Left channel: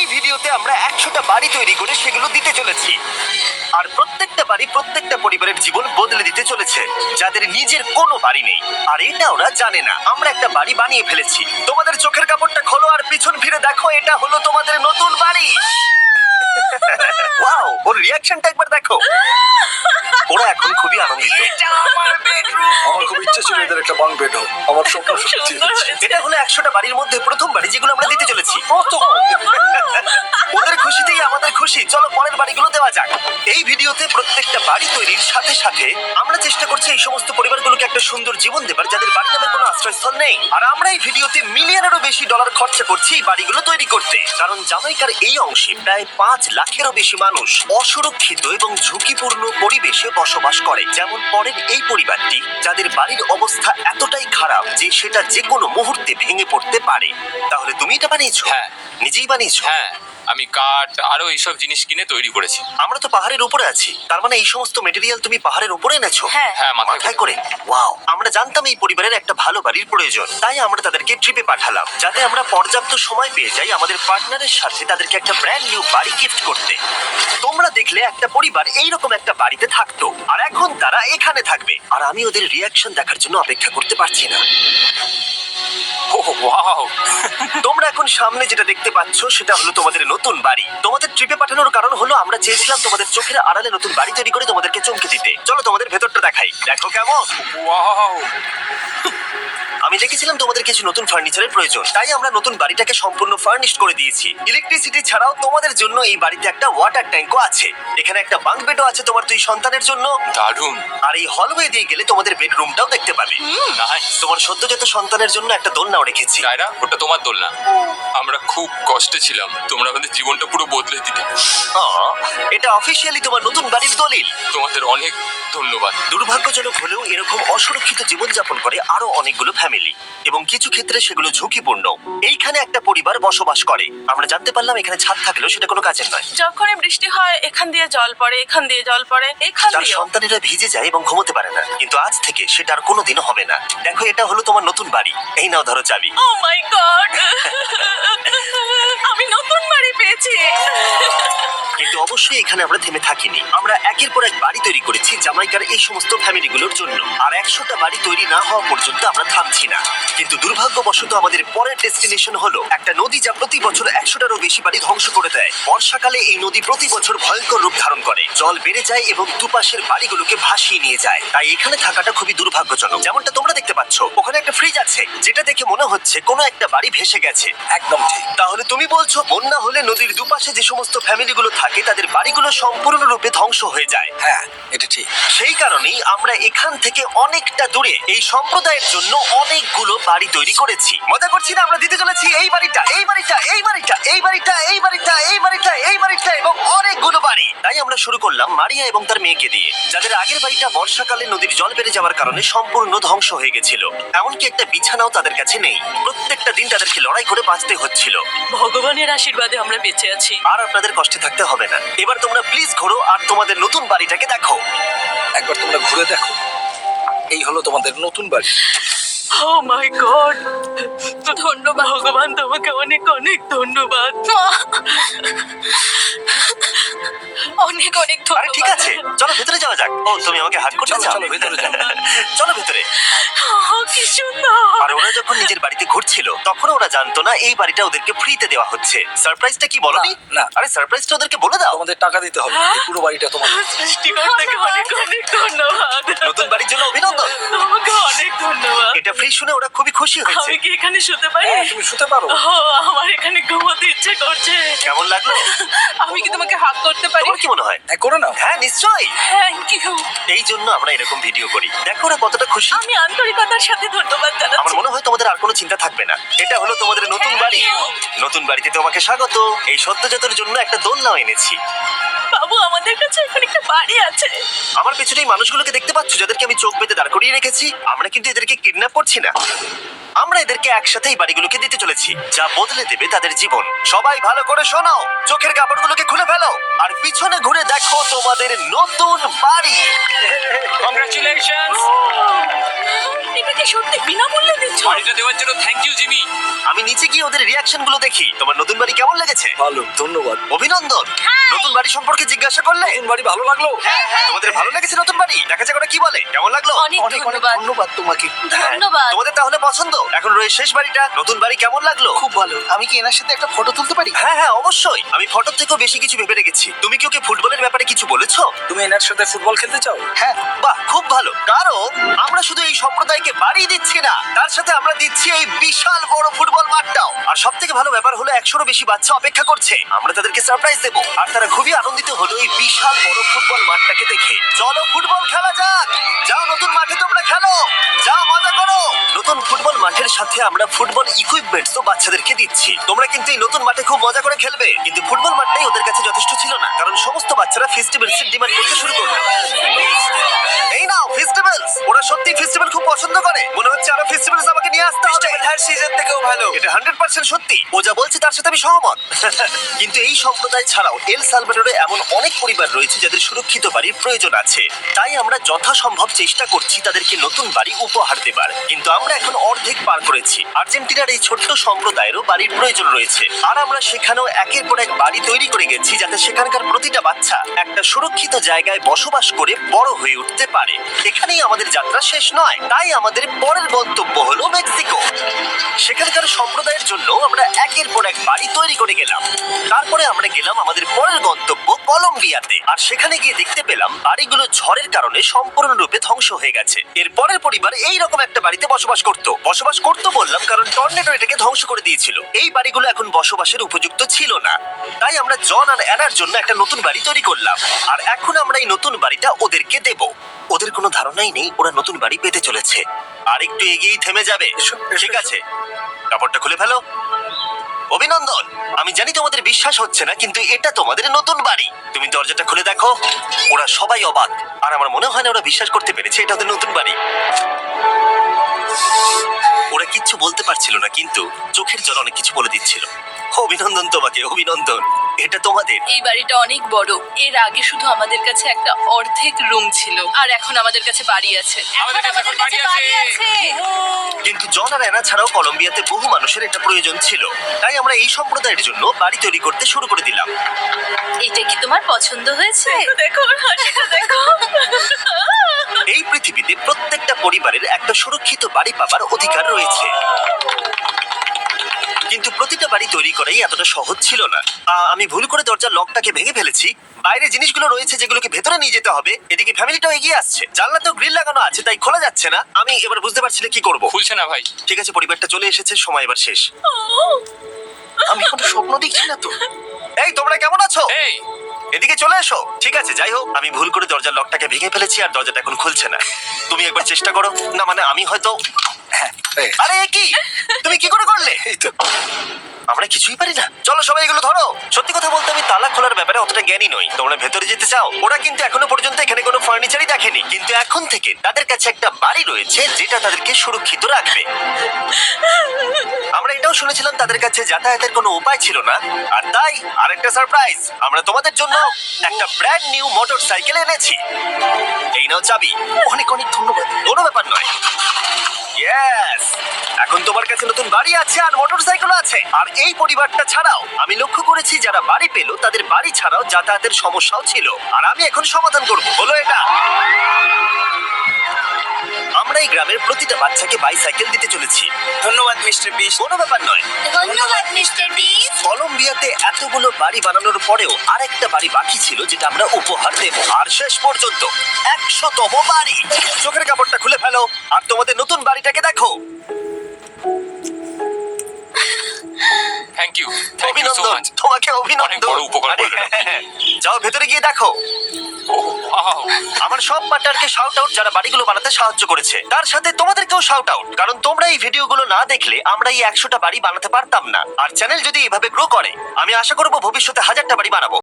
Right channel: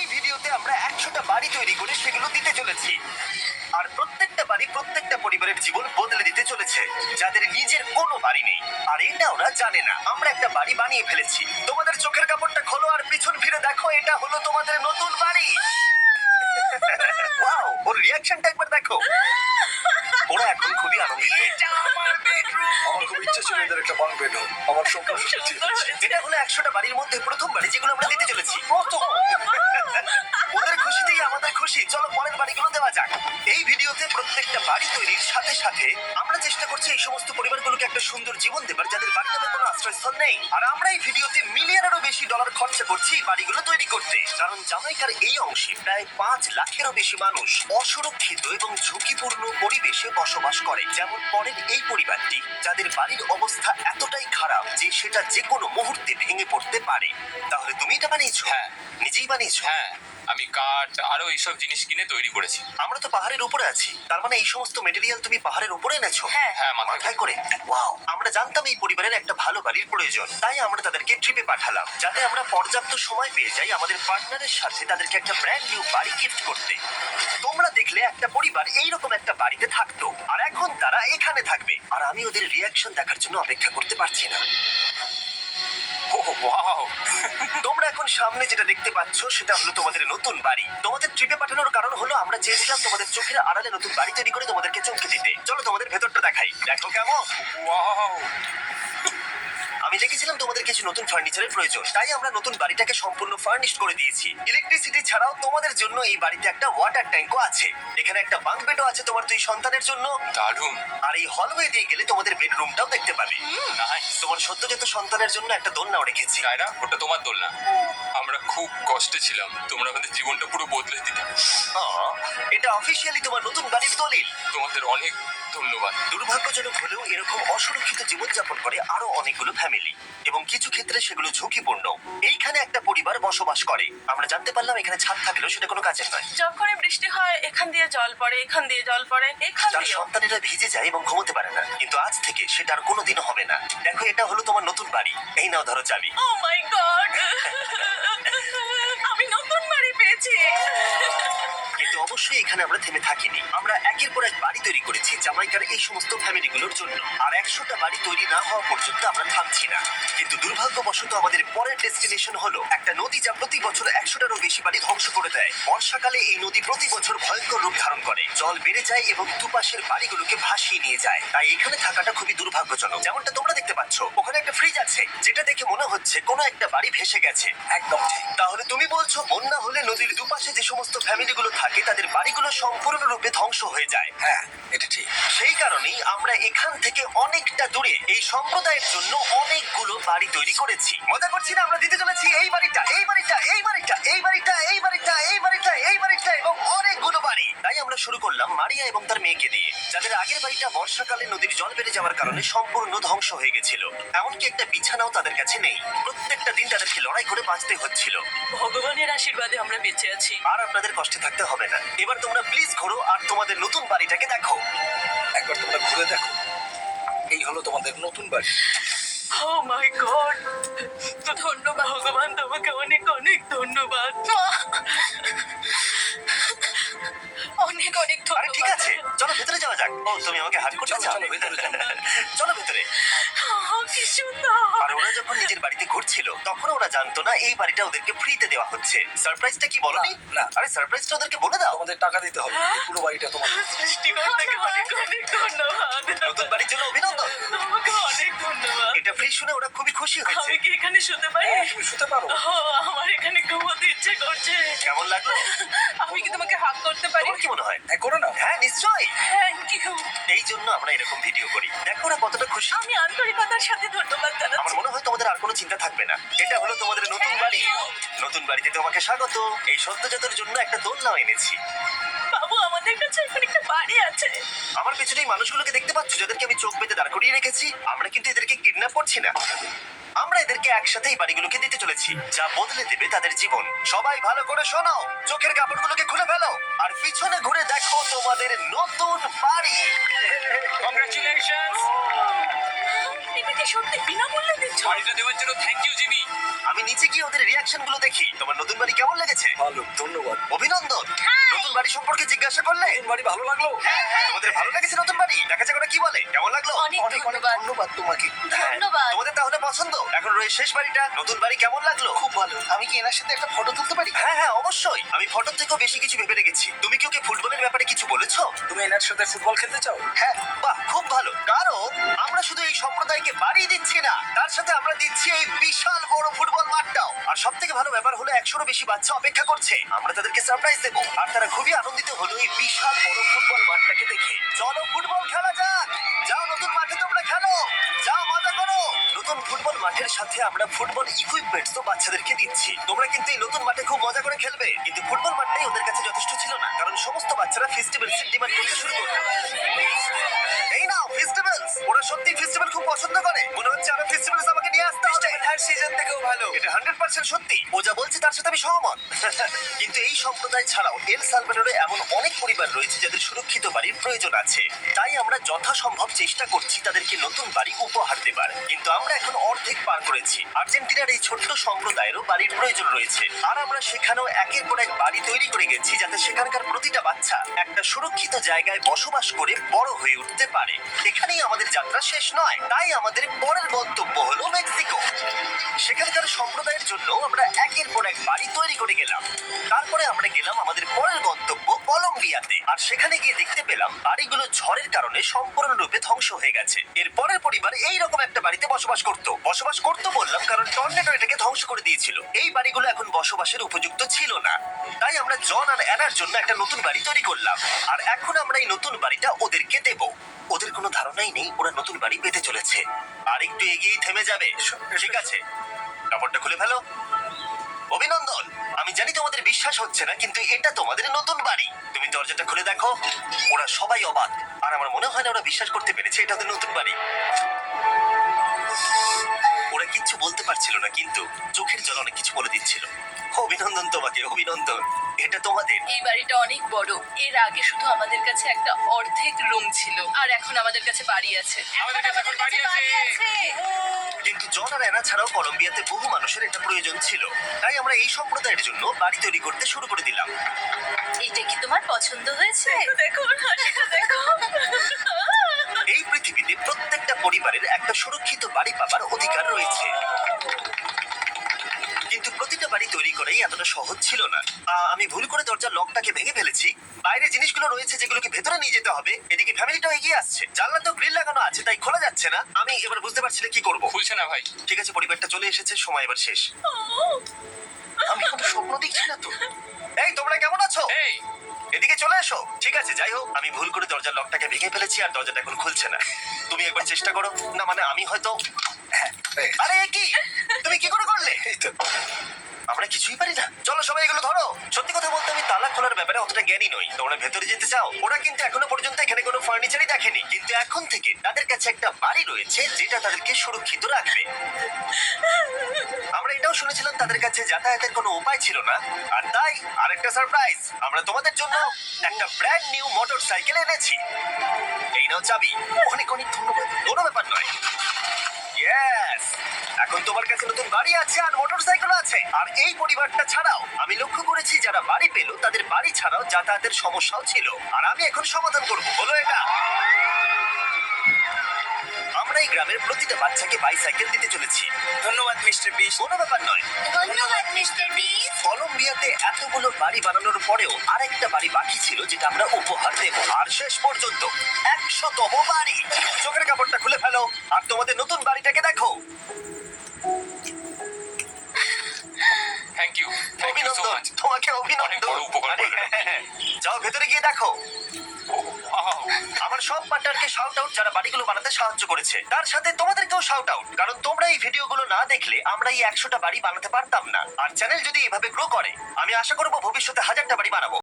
এই ভিডিওতে আমরা 100টা বাড়ি তৈরি করে সেগুলো দিতে চলেছি। আর প্রত্যেকটা বাড়ি প্রত্যেকটা পরিবারের জীবন বদলে দিতে চলেছে, যাদের নিজের কোনো বাড়ি নেই। আর এটা ওরা জানে না। আমরা একটা বাড়ি বানিয়ে ফেলেছি। তোমাদের চোখের কাপড়টা খোলো আর পিছন ফিরে দেখো, এটা হলো তোমাদের নতুন বাড়ি। ওয়াও, ওর রিঅ্যাকশনটা একবার দেখো। ওরা এখন খুবই আনন্দিত। আমার খুব ইচ্ছে ছিল এদের একটা বাং বেড হোক। আমার স্বপ্ন সত্যি হয়েছে। এটা হলো 100টা বাড়ির মধ্যে প্রথম বাড়ি যেগুলো আমরা দিতে চলেছি। ওদের খুশিতেই আমাদের খুশি। চলো পরের বাড়িগুলো দেওয়া যাক। এই ভিডিওতে প্রত্যেকটা বাড়ি তৈরির সাথে সাথে আমরা চেষ্টা করছি এই সমস্ত পরিবারগুলোকে একটা সুন্দর জীবন দেবার যাদের বাড়ি নামে কোনো আশ্রয়স্থল নেই। আর আমরা এই ভিডিওতে মিলিয়নেরও বেশি ডলার খরচা করছি এই বাড়িগুলো তৈরি করতে, কারণ জামাইকার এই অংশে প্রায় 5 লাখেরও বেশি মানুষ অসুরক্ষিত এবং ঝুঁকিপূর্ণ পরিবেশে বসবাস করে। যেমন পরের এই পরিবারটি, যাদের বাড়ির অবস্থা এতটাই খারাপ যে সেটা যে কোনো মুহূর্তে ভেঙে পড়তে পারে। তাহলে তুমি এটা বানিয়েছো? হ্যাঁ। নিজেই বানিয়েছো? হ্যাঁ, আমি কাঠ আরো এইসব জিনিস কিনে তৈরি করেছি। আমরা তো পাহাড়ের উপরে আছি, তার মানে এই সমস্ত মেটেরিয়াল তুমি পাহাড়ের উপরে এনেছো? হ্যাঁ। হ্যাঁ, মাথায় করে। ওয়াও, আমরা জানতাম এই পরিবারের একটা ভালো বাড়ির প্রয়োজন, তাই আমরা তাদেরকে ট্রিপে পাঠালাম যাতে আমরা পর্যাপ্ত সময় পেয়ে যাই আমাদের পার্টনারের সাথে তাদেরকে একটা ব্র্যান্ড নিউ বাড়ি গিফট করতে। তোমরা দেখলে একটা পরিবার এইরকম একটা বাড়িতে থাকতো, আর এখন তারা এখানে থাকবে। আর আমি ওদের রিয়াকশন দেখার জন্য অপেক্ষা করতে পারছি না। ওহ ওয়াও, তোমরা এখন সামনে যেটা দেখতে পাচ্ছ সেটা হলো তোমাদের নতুন বাড়ি। তোমাদের ট্রিপে পাঠানোর কারণ হলো আমরা চেয়েছিলাম তোমাদের চোখের আড়ালে নতুন বাড়ি তৈরি করে তোমাদেরকে চমকে দিতে। চলো তোমাদের ভেতরটা দেখাই, দেখো কেমন। ওয়াও। আমি দেখেছিলাম তোমাদের কিছু নতুন ফার্নিচারের প্রয়োজন, তাই আমরা নতুন বাড়িটাকে সম্পূর্ণ ফার্নিশড করে দিয়েছি। ইলেকট্রিসিটি ছাড়াও তোমাদের জন্য এই বাড়িতে একটা ওয়াটার ট্যাঙ্কও আছে। এখানে একটা বাঙ্ক বেডও আছে তোমার 2 সন্তানের জন্য। দারুণ। আর এই হলওয়ে দিয়ে গেলে তোমাদের বেডরুমটাও দেখতে পাবে। নাইস। তোমার সদ্যজাত সন্তানের জন্য একটা দোলনাও রেখেছি। ডায়রা, ওটা তোমার দোলনা। আমরা খুব কষ্টে ছিলাম, তোমরা আমাদের জীবনটা পুরো বদলে দিলে। এটা অফিসিয়ালি তোমার নতুন বাড়ির দলিল। তোমাদের অনেক ধন্যবাদ। দুর্ভাগ্যজনক হলেও এরকম অসুরক্ষিত জীবনযাপন করে আরো অনেকগুলো ফ্যামিলি, এবং কিছু ক্ষেত্রে সেগুলো ঝুঁকিপূর্ণ। এইখানে একটা পরিবার বসবাস করে। আমরা জানতে পারলাম এখানে ছাদ থাকলেও সেটা কোনো কাজের নয়। যখনই বৃষ্টি হয় এখান দিয়ে জল পড়ে, এখান দিয়ে জল পড়ে, এখান তার দিয়ে। সন্তানেরা ভিজে যায় এবং ঘুমোতে পারে না, কিন্তু আজ থেকে সেটা আর কোনোদিনও হবে না। দেখো, এটা হলো তোমার নতুন বাড়ি। এই নাও, ধরো চাবি। ও মাই গড, আমি নতুন বাড়ি পেয়েছি। কিন্তু অবশ্যই এখানে আমরা থেমে থাকিনি। আমরা একের পর এক বাড়ি তৈরি করেছি জামাইকার এই সমস্ত ফ্যামিলিগুলোর জন্য। আর 100টা বাড়ি তৈরি না হওয়া পর্যন্ত আমরা থামছি না। কিন্তু দুর্ভাগ্যবশত আমাদের পরের ডেস্টিনেশন হলো একটা নদী, যা প্রতি বছর 100টারও বেশি বাড়ি ধ্বংস করে দেয়। বর্ষাকালে এই নদী প্রতি বছর ভয়ঙ্কর রূপ ধারণ করে, জল বেড়ে যায় এবং দুপাশের বাড়িগুলোকে ভাসিয়ে নিয়ে যায়। তাই এখানে থাকাটা খুবই দুর্ভাগ্যজনক। যেমনটা তোমরা দেখতে পাচ্ছ, ওখানে একটা ফ্রিজ আছে যেটা দেখে মনে হচ্ছে কোনো একটা বাড়ি ভেসে গেছে। একদম ঠিক। তাহলে তুমি বলছো বন্যা হলে নদীর দুপাশে যে সমস্ত ফ্যামিলিগুলো থাকে তাদের বাড়িগুলো সম্পূর্ণরূপে ধ্বংস হয়ে যায়। হ্যাঁ, এটা ঠিক। সেই কারণেই আমরা এখান থেকে অনেকটা দূরে এই সম্প্রদায়ের জন্য অনেকগুলো বাড়ি তৈরি করেছি। মজা করছি না? আমরা দিতে চলেছি এই বাড়িটা, এই বাড়িটা, এই বাড়িটা, এই বাড়িটা, এই বাড়িটা, এই বাড়িটা, এই বাড়িটা এবং অনেকগুলো বাড়ি। তাই আমরা শুরু করলাম মারিয়া এবং তার মেয়েকে দিয়ে, যাদের আগের বাড়িটা বর্ষাকালে নদীর জল বেড়ে যাওয়ার কারণে সম্পূর্ণ ধ্বংস হয়ে গেছিল। এমনকি একটা বিছানাও তাদের কাছে নেই। প্রত্যেকটা দিন তাদেরকে লড়াই করে বাঁচতে হচ্ছিল। ভগবানের আশীর্বাদে আমরা বেঁচে আছি। আর আপনাদের কষ্টে থাকতে হবে না। এবার তোমরা প্লিজ ঘোরো আর তোমাদের নতুন বাড়িটাকে দেখো। একবার তোমরা ঘুরে দেখো, এই হলো তোমাদের নতুন বাড়ি। ও মাই গড, ধন্যবাদ ভগবান, তোমাকে অনেক অনেক ধন্যবাদ। অনেক অনেক আরে ঠিক আছে, চলো ভেতরে যাওয়া যাক। ও, তুমি আমাকে হাত করতে চলো, চাও? চলো, ভেতরে যাও। চলো ভেতরে। কি সুন্দর। আর ওরা যখন নিজের বাড়িতে ঘুরছিল তখন ওরা জানতো না এই বাড়িটা ওদেরকে ফ্রিতে দেওয়া হচ্ছে। সারপ্রাইজটা কি বলনি? না। আরে সারপ্রাইজটা ওদেরকে বলে দাও। তোমাদের টাকা দিতে হবে, এই পুরো বাড়িটা তোমাদের। সৃষ্টিকর্তাকে অনেক অনেক ধন্যবাদ। নতুন বাড়ির জন্য অভিনন্দন। তোমাকে অনেক ধন্যবাদ। এটা ফ্রি শুনে ওরা খুবই খুশি হয়েছে। আমি কি এখানে শুতে পারি? হ্যাঁ, তুমি শুতে পারো। ও, আমার এখানে ঘুমোতে ইচ্ছে করছে। কেমন লাগলো? আমি কি তোমাকে হাত করতে পারি? তোমার কি মনে হয়? হ্যাঁ, করে নাও। হ্যাঁ, নিশ্চয়ই। Thank you. এই জন্য আমরা এরকম ভিডিও করি। দেখো ওরা কতটা খুশি। আমি আন্তরিকতার সাথে ধন্যবাদ আমার জানাচ্ছি। মনে হয় তোমাদের আর কোনো চিন্তা থাকবে না। এটা হলো তোমাদের নতুন বাড়ি। নতুন বাড়িতে তোমাকে স্বাগত। এই সদ্যজাতর জন্য একটা দোলনাও এনেছি। বাবু, আমাদের কাছে এখন একটা বাড়ি আছে। আমার পেছনে এই মানুষগুলোকে দেখতে পাচ্ছ যাদেরকে আমি চোখ বেঁধে দাঁড় করিয়ে রেখেছি? আমরা কিন্তু এদেরকে কিডন্যাপ করছি না। আমরা এদেরকে একসাথে এই বাড়িগুলোকে দিতে চলেছি, যা বদলে দেবে তাদের জীবন। সবাই ভালো করে শোনো, চোখের কাপড়গুলোকে খুলে ফেলো আর পিছনে ঘুরে দেখো তোমাদের নতুন বাড়ি। কংগ্রাচুলেশনস। এটাকে সত্যি বিনামূল্যে দিচ্ছ? বাড়িটা দেওয়ার জন্য থ্যাংক ইউ জিমি। আমি নিচে গিয়ে ওদের রিয়াকশন গুলো দেখি। তোমার নতুন বাড়ি কেমন লেগেছে? ভালো, ধন্যবাদ। অভিনন্দন। নতুন বাড়ি সম্পর্কে জিজ্ঞাসা করলে? নতুন বাড়ি ভালো লাগলো? তোমাদের ভালো লেগেছে নতুন বাড়ি? দেখা যাক ওরা কি বলে। কেমন লাগলো? অনেক অনেক অনেক ধন্যবাদ। ধন্যবাদ তোমাকে। হ্যাঁ, ধন্যবাদ। তোমাদের তাহলে পছন্দ। এখন রয়েছে শেষ বাড়িটা। নতুন বাড়ি কেমন লাগলো? খুব ভালো। আমি কি এনার সাথে একটা ফটো তুলতে পারি? হ্যাঁ হ্যাঁ অবশ্যই। আমি ফটো থেকেও বেশি কিছু ভেবে রেখেছি। তুমি কি ওকে ফুটবলের ব্যাপারে কিছু বলেছো? তুমি এনার সাথে ফুটবল খেলতে চাও? হ্যাঁ। বাহ, খুব ভালো। কারণ আমরা শুধু এই সম্প্রদায়কে বাড়ি দিচ্ছি না, তার সাথে আমরা দিচ্ছি এই বিশাল বড় ফুটবল মাঠটাও। আর সব থেকে ভালো ব্যাপার হলো 100-রও বেশি বাচ্চা অপেক্ষা করছে। আমরা তাদেরকে সারপ্রাইজ দেবো, আর তারা খুবই আনন্দিত হলো এই বিশাল বড় ফুটবল মাঠটাকে দেখে। চলো ফুটবল খেলা যাক। যাও নতুন মাঠে তোমরা খেলো, যাও মজা করো। নতুন ফুটবল মাঠের সাথে আমরা ফুটবল ইকুইপমেন্টসও বাচ্চাদেরকে দিচ্ছি। তোমরা কিন্তু এই নতুন মাঠে খুব মজা করে খেলবে। কিন্তু ফুটবল মাঠটাই ওদের কাছে যথেষ্ট ছিল না, কারণ সমস্ত বাচ্চারা ফেস্টিভ্যালস এর ডিমান্ড করতে শুরু করলো। এই নাও ফেস্টিভ্যালস। ওরা সত্যি ফেস্টিভ্যাল খুব পছন্দ করে। মনে হচ্ছে আরো ফেস্টিভ্যালস আমাকে নিয়ে আসতে হবে। হ্যার সিজন থেকেও ভালো। এটা 100% সত্যি। ও যা বলছে তার সাথে আমি সহমত। কিন্তু এই সম্প্রদায় ছাড়াও এল সালভাডোরে এমন অনেক পরিবার রয়েছে যাদের সুরক্ষিত বাড়ির প্রয়োজন আছে। তাই আমরা যথাসম্ভব চেষ্টা করছি তাদেরকে নতুন বাড়ি উপহার দেবার। কিন্তু আমরা এখন অর্ধেক পার করেছি। আর্জেন্টিনার এই ছোট্ট সম্প্রদায়েরও বাড়ির প্রয়োজন রয়েছে, আর আমরা সেখানেও একের পর এক বাড়ি তৈরি করে গেছি যাতে সেখানকার প্রতিটা বাচ্চা একটা সুরক্ষিত জায়গায় বসবাস করে বড় হয়ে উঠতে পারে। এখানেই আমাদের যাত্রা শেষ নয়, তাই আমাদের পরের গন্তব্য হলো মেক্সিকো। সেখানকার সম্প্রদায়ের জন্য আমরা একের পর এক বাড়ি তৈরি করে গেলাম। তারপরে আমরা গেলাম আমাদের পরের গন্তব্য কলম্বিয়াতে, আর সেখানে গিয়ে দেখতে পেলাম বাড়িগুলো ঝড়ের কারণে সম্পূর্ণরূপে ধ্বংস হয়ে গেছে। এর পরের পরিবার এইরকম একটা বাড়িতে বসবাস করতো বললাম কারণ টর্নেডো এটাকে ধ্বংস করে দিয়েছিল। এই বাড়িগুলো এখন বসবাসের উপযুক্ত ছিল না, তাই আমরা জন আর অ্যানার জন্য একটা নতুন বাড়ি তৈরি করলাম। আর এখন আমরা এই নতুন বাড়িটা ওদেরকে দেব। ওদের কোনো ধারণাই নেই ওরা নতুন বাড়ি পেতে চলেছে। আর একটু এগিয়েই থেমে যাবে। ঠিক আছে, কাপড়টা খুলে ফেলো। অভিনন্দন। আমি জানি তোমাদের বিশ্বাস হচ্ছে না, কিন্তু এটা তোমাদের নতুন বাড়ি। তুমি দরজাটা খুলে দেখো। ওরা সবাই অবাক, আর আমার মনে হয় না ওরা বিশ্বাস করতে পেরেছে এটা ওদের নতুন বাড়ি। ওরা কিচ্ছু বলতে পারছিল না, কিন্তু চোখের জল অনেক কিছু বলে দিচ্ছিল। অভিনন্দন তোমাকে, অভিনন্দন। এটা তোমাদের। এই বাড়িটা অনেক বড়। এর আগে শুধু আমাদের কাছে একটা অর্ধেক রুম ছিল, আর এখন আমাদের কাছে বাড়ি আছে। আমাদের কাছে এখন বাড়ি আছে। কিন্তু জন আর অ্যানা ছাড়াও কলম্বিয়াতে বহু মানুষের এটা প্রয়োজন ছিল, তাই আমরা এই সম্প্রদায়ের জন্য বাড়ি তৈরি করতে শুরু করে দিলাম। এটা কি তোমার পছন্দ হয়েছে? দেখো ওর হাসিটা দেখো। এই পৃথিবীতে প্রত্যেকটা পরিবারের একটা সুরক্ষিত বাড়ি পাবার অধিকার রয়েছে, কিন্তু প্রতিটা বাড়ি তৈরি করাই এতটা সহজ ছিল না। আমি ভুল করে দরজার লকটাকে ভেঙে ফেলেছি। বাইরে জিনিসগুলো রয়েছে যেগুলোকে ভেতরে নিয়ে যেতে হবে। এদিকে ফ্যামিলিটাও এগিয়ে আসছে। জানলাতেও গ্রিল লাগানো আছে, তাই খোলা যাচ্ছে না। আমি এবার বুঝতে পারছি না কি করব। খুলছে না ভাই। ঠিক আছে, পরিবারটা চলে এসেছে, সময় এবার শেষ। আমি কোনো স্বপ্ন দেখছি না তো। এই তোমরা কেমন আছো? এই এদিকে চলে এসো। ঠিক আছে, যাই হোক, আমি ভুল করে দরজার লকটাকে ভেঙে ফেলেছি আর দরজাটা এখন খুলছে না। তুমি একবার চেষ্টা করো। না মানে আমি হয়তো। হ্যাঁ, আরে এ কি? তুমি কি করে করলে? এই তো। আমরা কিছুই পারি না। চলো সবাই এগুলো ধরো। সত্যি কথা বলতে আমি তালা খোলার ব্যাপারে অতটা জ্ঞানী নই। তোমরা ভেতরে যেতে চাও? ওরা কিন্তু এখনো পর্যন্ত এখানে কোনো ফার্নিচারই দেখেনি, কিন্তু এখন থেকে তাদের কাছে একটা বাড়ি রয়েছে যেটা তাদেরকে সুরক্ষিত রাখবে। আমরা এটাও শুনেছিলাম তাদের কাছে যাতায়াতের কোনো উপায় ছিল না, আর তাই আরেকটা সারপ্রাইজ, আমরা তোমাদের জন্য একটা ব্র্যান্ড নিউ মোটরসাইকেল এনেছি। এই নাও চাবি। অনেক অনেক ধন্যবাদ। কোনো ব্যাপার নয়। ইয়েস, এখন তোমার কাছে নতুন বাড়ি আছে আর মোটরসাইকেল আছে। আর এই পরিবারটা ছাড়াও আমি লক্ষ্য করেছি যারা বাড়ি পেল তাদের বাড়ি ছাড়াও যাতায়াতের সমস্যাও ছিল, আর আমি এখন সমাধান করব। হলো এটা। আমরা এই গ্রামের প্রতিটা বাচ্চাকে বাইসাইকেল দিতে চলেছি। ধন্যবাদ মিস্টার বিশ। কোনো ব্যাপার নয়। ধন্যবাদ মিস্টার বিস। কলম্বিয়াতে এতগুলো বাড়ি বানানোর পরেও আরেকটা বাড়ি বাকি ছিল যেটা আমরা উপহার দেব। আর শেষ পর্যন্ত 100তম বাড়ি। চোখের কাপড়টা খুলে ফেলো আর তোমাদের নতুন বাড়িটাকে দেখো। থ্যাংক ইউ সো অভিনন্দন, মাচ। তোমাকে অনেক অভিনন্দন। বড় উপকার আরে, করলে হ্যাঁ, যাও ভেতরে গিয়ে দেখো। Wow! আমার সব পার্টনারকে শাউট আউট যারা বাড়িগুলো বানাতে সাহায্য করেছে। তার সাথে তোমাদেরকেও শাউট আউট, কারণ তোমরা এই ভিডিওগুলো না দেখলে আমরা এই 100টা বাড়ি বানাতে পারতাম না। আর চ্যানেল যদি এভাবে গ্রো করে, আমি আশা করবো ভবিষ্যতে 1000টা বাড়ি বানাবো।